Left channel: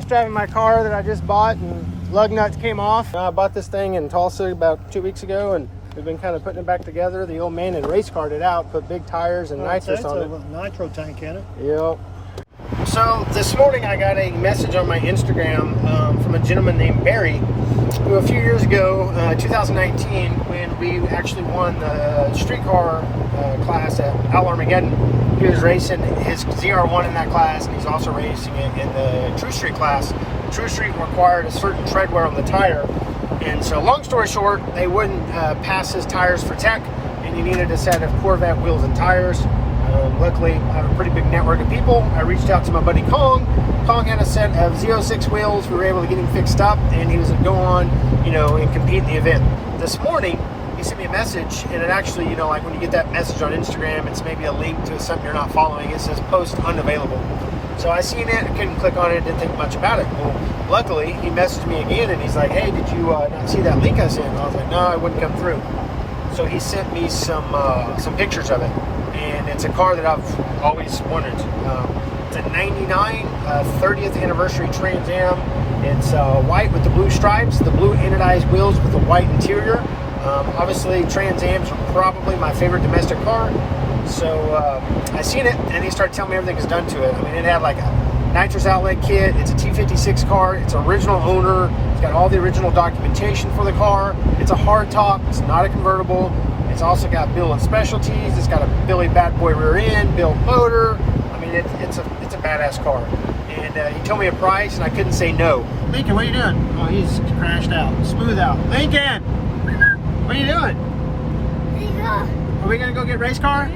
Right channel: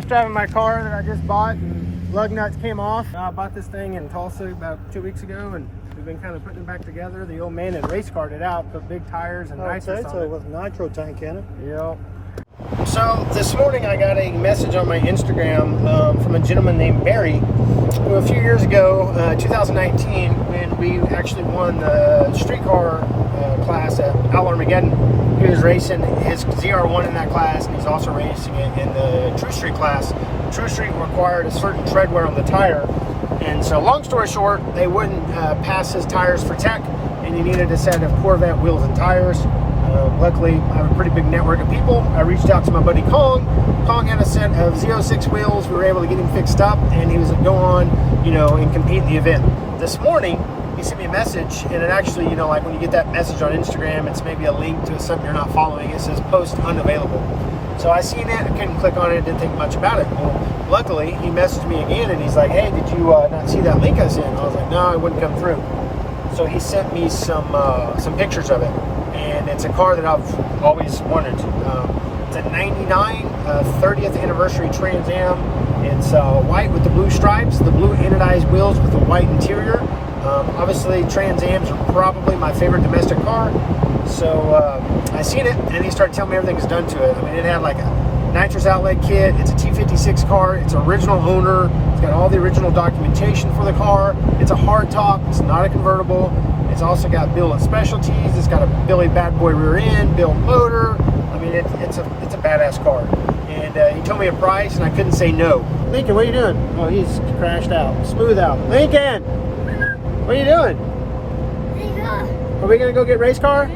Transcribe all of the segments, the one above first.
test driving my car that I just bought, and lug nuts came off. I bought this thing in Tulsa about 2 weeks ago, and we've been kind of putting it back together. The old man had race carted it out, put big tires and nitrous on it. With nitro tank in it. Yep. So this morning I got a message on my Instagram from a gentleman named Barry, who a few years ago, 2019, when we actually won the streetcar class at Outlaw Armageddon, he was racing his ZR1 in that class, and he's also racing it in the True Street class. True Street required a certain tread wear on the tire, and so long story short, they wouldn't pass his tires for tech, and he needed a set of Corvette wheels and tires. Luckily, I have a pretty big network of people. I reached out to my buddy Kong. Kong had a set of WS6 wheels. We were able to get him fixed up, and he was going to go on, you know, and compete in the event. This morning, he sent me a message, and it actually, you know, like when you get that message on Instagram, it's maybe a link to something you're not following. It says post unavailable. So I seen it, I couldn't click on it, didn't think much about it. Well, luckily, he messaged me again, and he's like, hey, did you not see that link I sent? I was like, no, it wouldn't come through. So he sent me some pictures of it. And it's a car that I've always wanted. It's a 99 30th anniversary Trans Am. It's white with the blue stripes, the blue anodized wheels with the white interior. Obviously, Trans Ams are probably my favorite domestic car. So I seen it, and he started telling me everything is done to it. I mean, it had like a nitrous outlet kit. It's a T56 car. It's original owner. It's got all the original documentation for the car. It's a hardtop. It's not a convertible. It's also got Billet specialties. It's got a Billy bad boy rear end, Billet motor. I mean, it's a badass car. And he told me a price, and I couldn't say no. Lincoln, what are you doing? Oh, he's crashed out, smooth out. Lincoln, what are you doing? Are we gonna go get race car?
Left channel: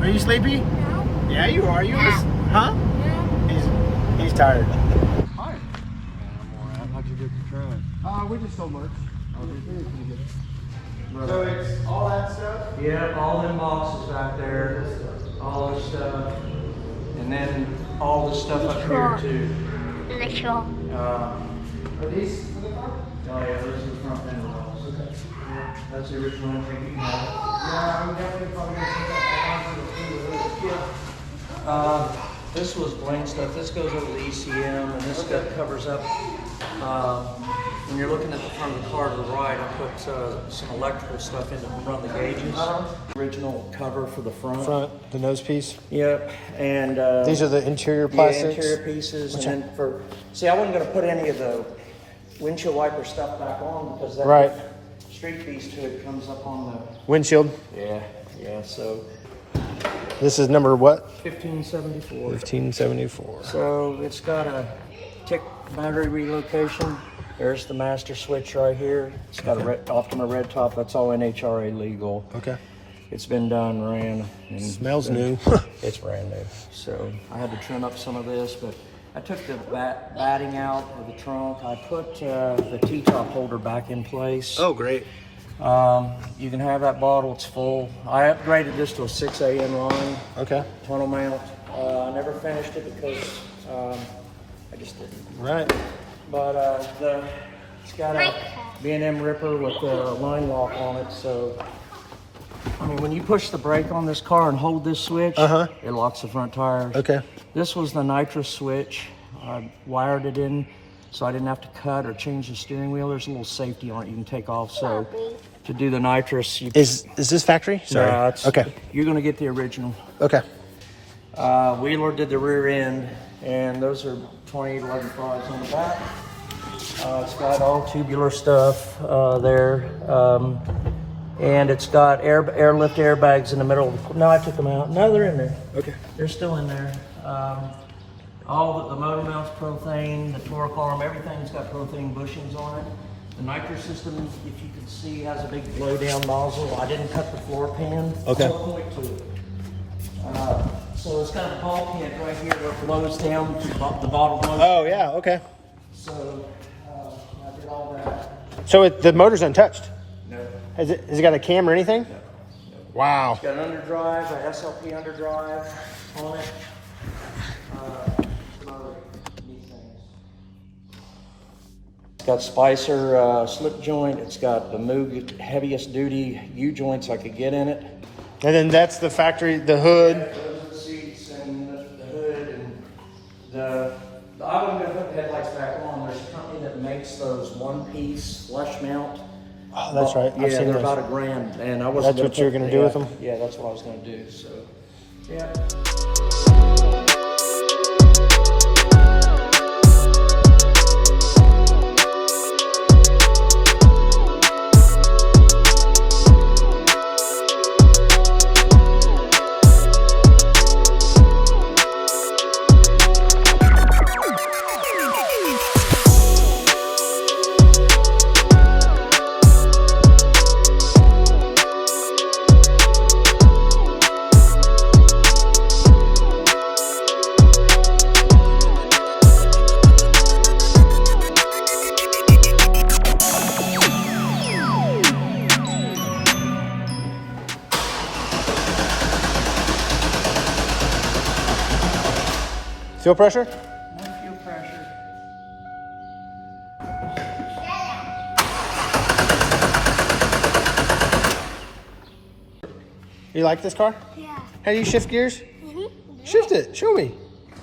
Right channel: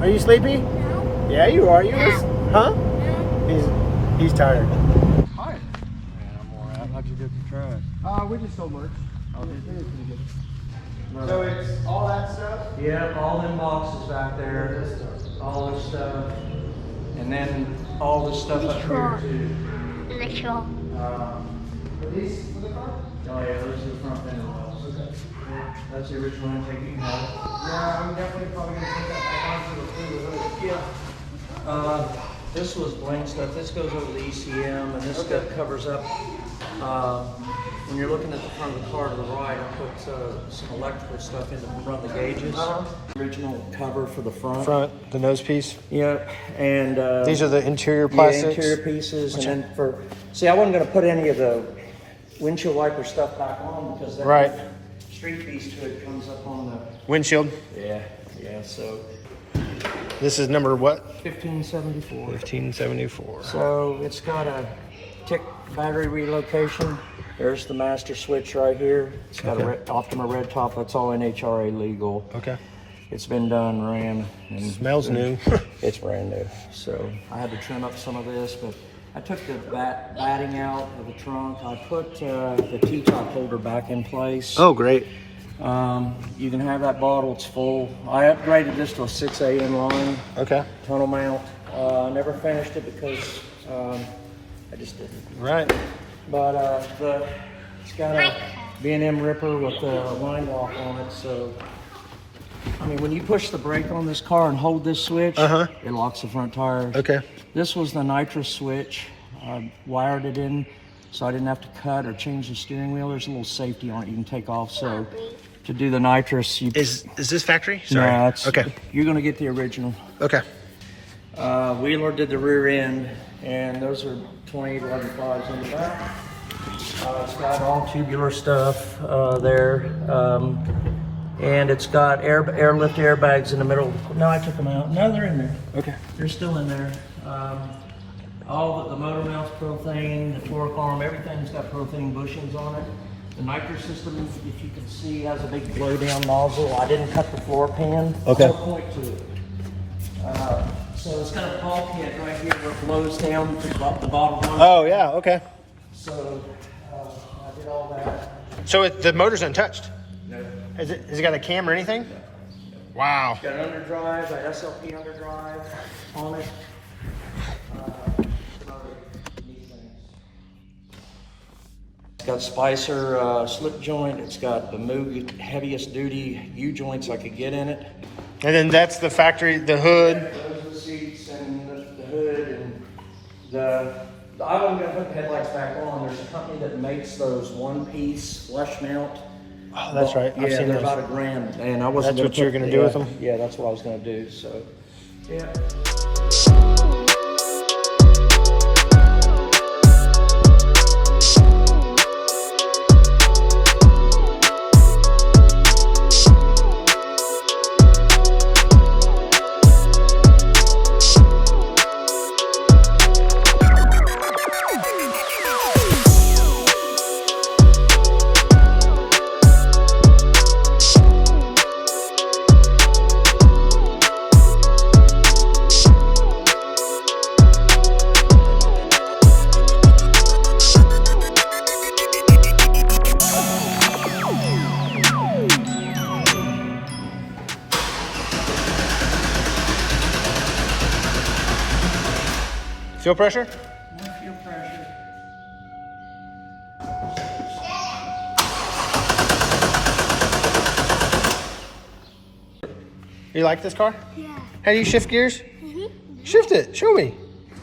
Are you sleepy? No. Yeah, you are. You just, huh? No. He's tired. Hi. Man, I'm all right. How'd you get the truck? We just sold merch. Oh, did you? So it's all that stuff? Yeah, all them boxes back there, all this stuff, and then all this stuff up here too. Are these for the car? Oh yeah, those are the front end walls. Okay. That's the original intake you can have. Yeah, I'm definitely probably going to put that back onto the hood. Yeah. This was blank stuff. This goes over the ECM, and this stuff covers up. When you're looking at the front of the car to the right, I put some electrical stuff in to run the gauges. Original cover for the front. The nose piece? Yep. And these are the interior plastics? Yeah, interior pieces. And then see, I wasn't going to put any of the windshield wiper stuff back on because that street piece to it comes up on the windshield? Yeah, so. This is number what? 1574. 1574. So it's got a tick battery relocation. There's the master switch right here. It's got a Optima red top. That's all NHRA legal. Okay. It's been done, ran. And smells new. It's brand new. So I had to trim up some of this, but I took the batting out of the trunk. I put the T-top holder back in place. Oh, great. You can have that bottle, it's full. I upgraded this to a 6 AM line. Okay. Tunnel mount. I never finished it because I just didn't. Right. But it's got a B&M ripper with a line lock on it, so I mean, when you push the brake on this car and hold this switch, it locks the front tires. Okay. This was the nitrous switch. I wired it in so I didn't have to cut or change the steering wheel. There's a little safety on it you can take off. So to do the nitrous, is this factory? Sorry. No, it's, okay. You're gonna get the original. Okay. Wheeler did the rear end, and those are 2811.5s in the back. It's got all tubular stuff there, and it's got airlift airbags in the middle. No, I took them out. No, they're in there. Okay. They're still in there. All the motor mounts propane, the floor column, everything's got propane bushings on it. The nitrous system, if you can see, has a big blowdown nozzle. I didn't cut the floor pan. Okay. I'll point to it. So it's got a bulkhead right here that blows down to the bottom one. Oh, yeah, okay. So I did all that. So the motor's untouched? No. Has it got a cam or anything? No. Wow. It's got an underdrive, an SLP underdrive on it. Some other neat things. It's got Spicer slip joint. It's got the Moog heaviest duty U-joints I could get in it. And then that's the factory, the hood. Yeah, those are the seats and the hood and the I wasn't going to put the headlights back those one-piece flush mount. Oh, that's right. Yeah, I've seen they're those. about $1,000, and I was. That's what you're gonna do with them? Yeah, that's what I was gonna do. So, yeah. Fuel pressure? No fuel pressure. You like this car? Yeah. How do you shift gears? Shift it. Show me.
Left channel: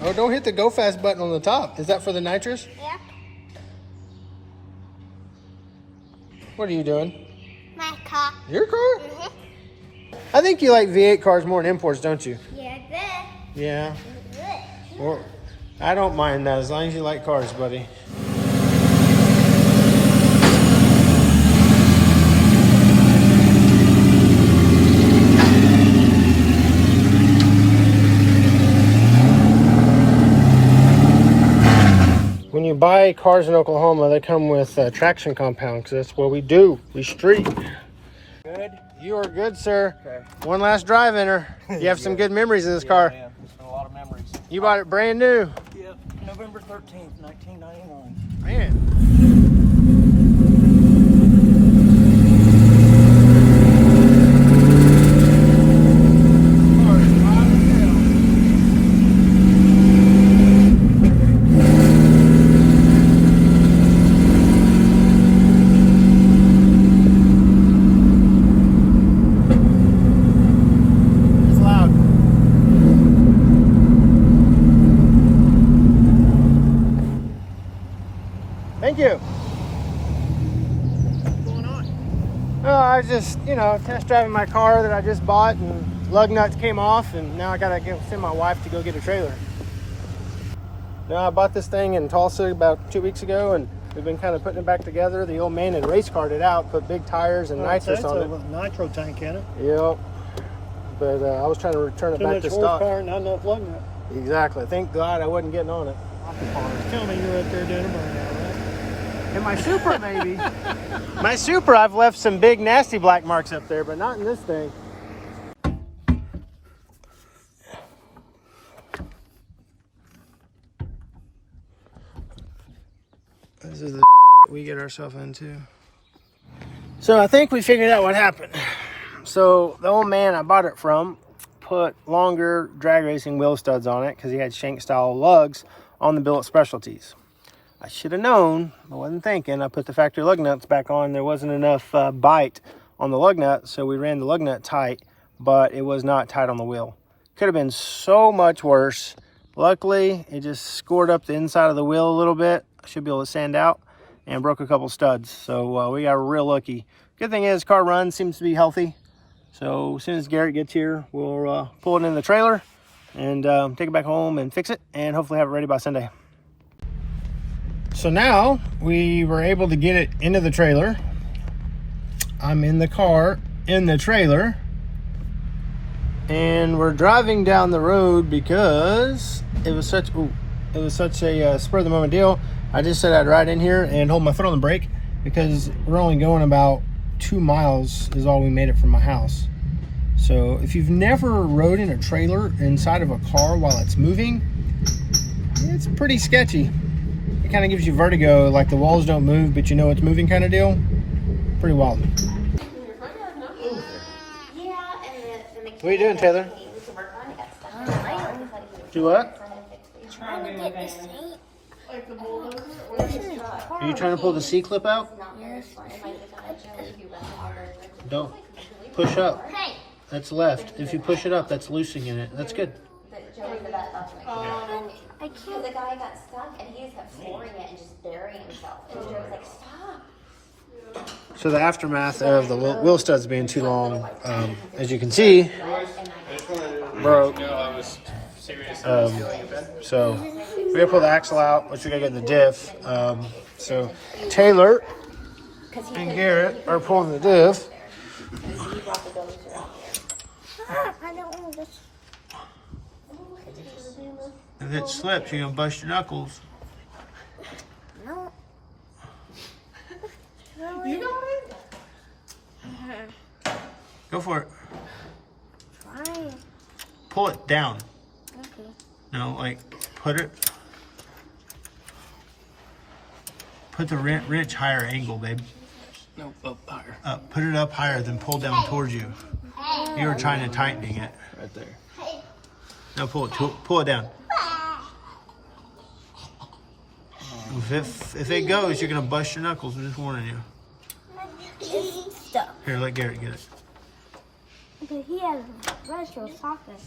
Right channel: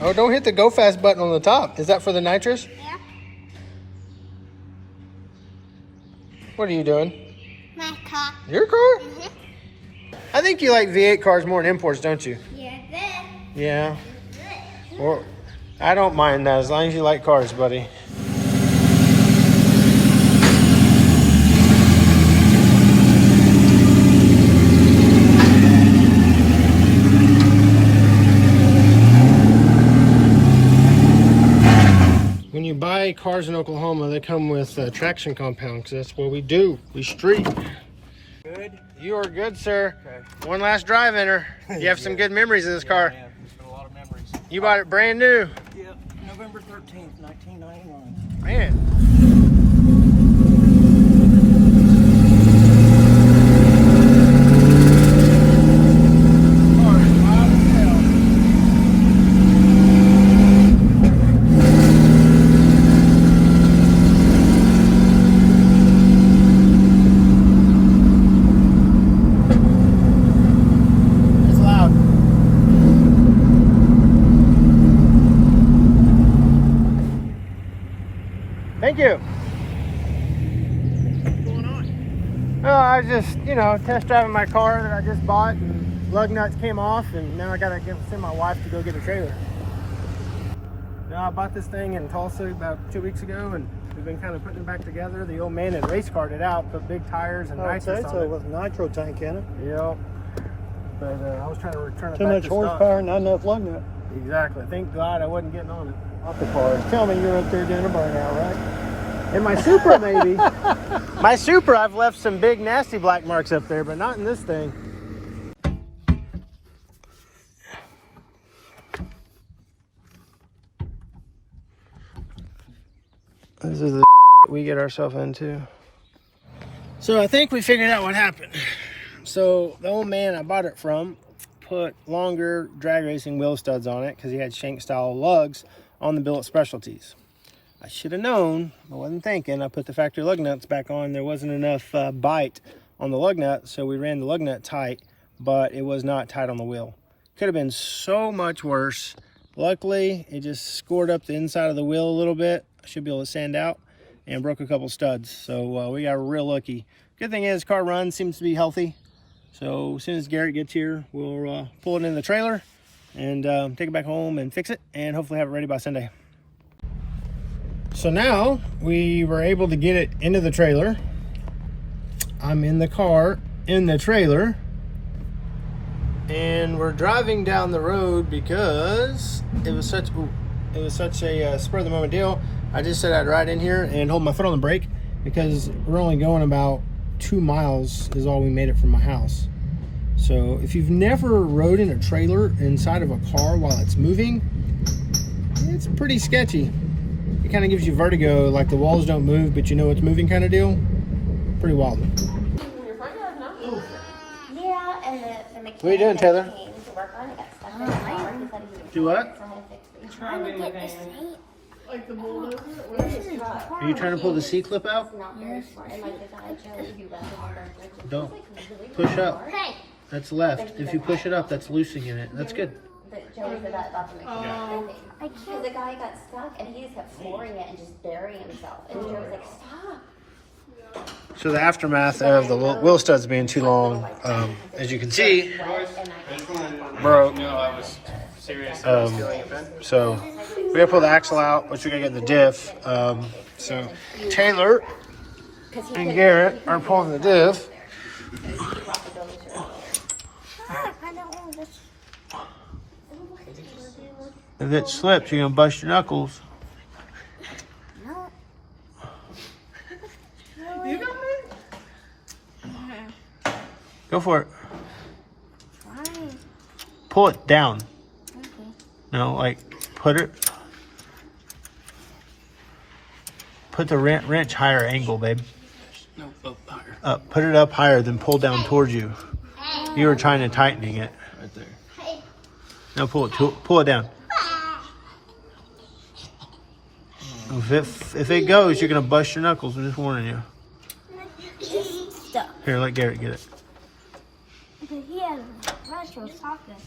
Oh, don't hit the go fast button on the top. Is that for the nitrous? Yeah. What are you doing? My car. Your car? I think you like V8 cars more than imports, don't you? Yeah, good. Yeah. Well, I don't mind that as long as you like cars, buddy. When you buy cars in Oklahoma, they come with traction compound because that's what we do. We street. Good. You are good, sir. Okay. One last drive in her. You have some good memories of this car. Yeah, there's been a lot of memories. You bought it brand new. Yep. November 13th, 1991. Man. It's loud. Thank you. What's going on? No, I just, test driving my car that I just bought and lug nuts came off and now I gotta send my wife to go get a trailer. Now I bought this thing in Tulsa about 2 weeks ago and we've been kind of putting it back together. The old man had race carted it out, put big tires and nitrous on it. With nitro tank in it. Yep. But I was trying to return it Too back much to stock. horsepower, not enough lug nut. Exactly. Thank God I wasn't getting on it. Off the car. Tell me you're up there doing a burnout, right? In my Supra, maybe. My Supra, I've left some big nasty black marks up there, but not in this thing. This is the we get ourselves into. So I think we figured out what happened. So the old man I bought it from put longer drag racing wheel studs on it because he had shank style lugs on the billet specialties. I should have known, I wasn't thinking. I put the factory lug nuts back on. There wasn't enough bite on the lug nut, so we ran the lug nut tight, but it was not tight on the wheel. Could have been so much worse. Luckily, it just scored up the inside of the wheel a little bit. I should be able to sand out and broke a couple studs. So we got real lucky. Good thing is, car run seems to be healthy. So as soon as Garrett gets here, we'll pull it in the trailer and take it back home and fix it and hopefully have it ready by Sunday. So now we were able to get it into the trailer. I'm in the car in the trailer and we're driving down the road because it was such a spur of the moment deal. I just said I'd ride in here and hold my foot on the brake because we're only going about 2 miles is all we made it from my house. So if you've never rode in a trailer inside of a car while it's moving, it's pretty sketchy. It kind of gives you vertigo, like the walls don't move, but you know it's moving kind of deal. Pretty wild. What are you doing, Taylor? Do what? Trying to get the seat. Are you trying to pull the C-clip out? Yes. Don't. Push up. That's left. If you push it up, that's loosening it. That's good. Joey's the vet left him in I Because can't. the guy got stuck and he just kept flooring it and just burying himself. And Joey was like, stop. So the aftermath of the wheel studs being too long, as you can see, broke. So we gotta pull the axle out, which we gotta get in the diff. So Taylor and Garrett are pulling the diff. I don't want this. If it slips, you're gonna bust your knuckles. No. You got it? Go for it. Fine. Pull it down. Okay. No, like put the wrench higher angle, babe. No, up higher. Up. Put it up higher, then pull down towards you. You were trying to tightening it. Right there. No, pull it down. If it goes, you're gonna bust your knuckles. I'm just warning you. Stuff. Here, let Garrett get it. Because he has retro sockets.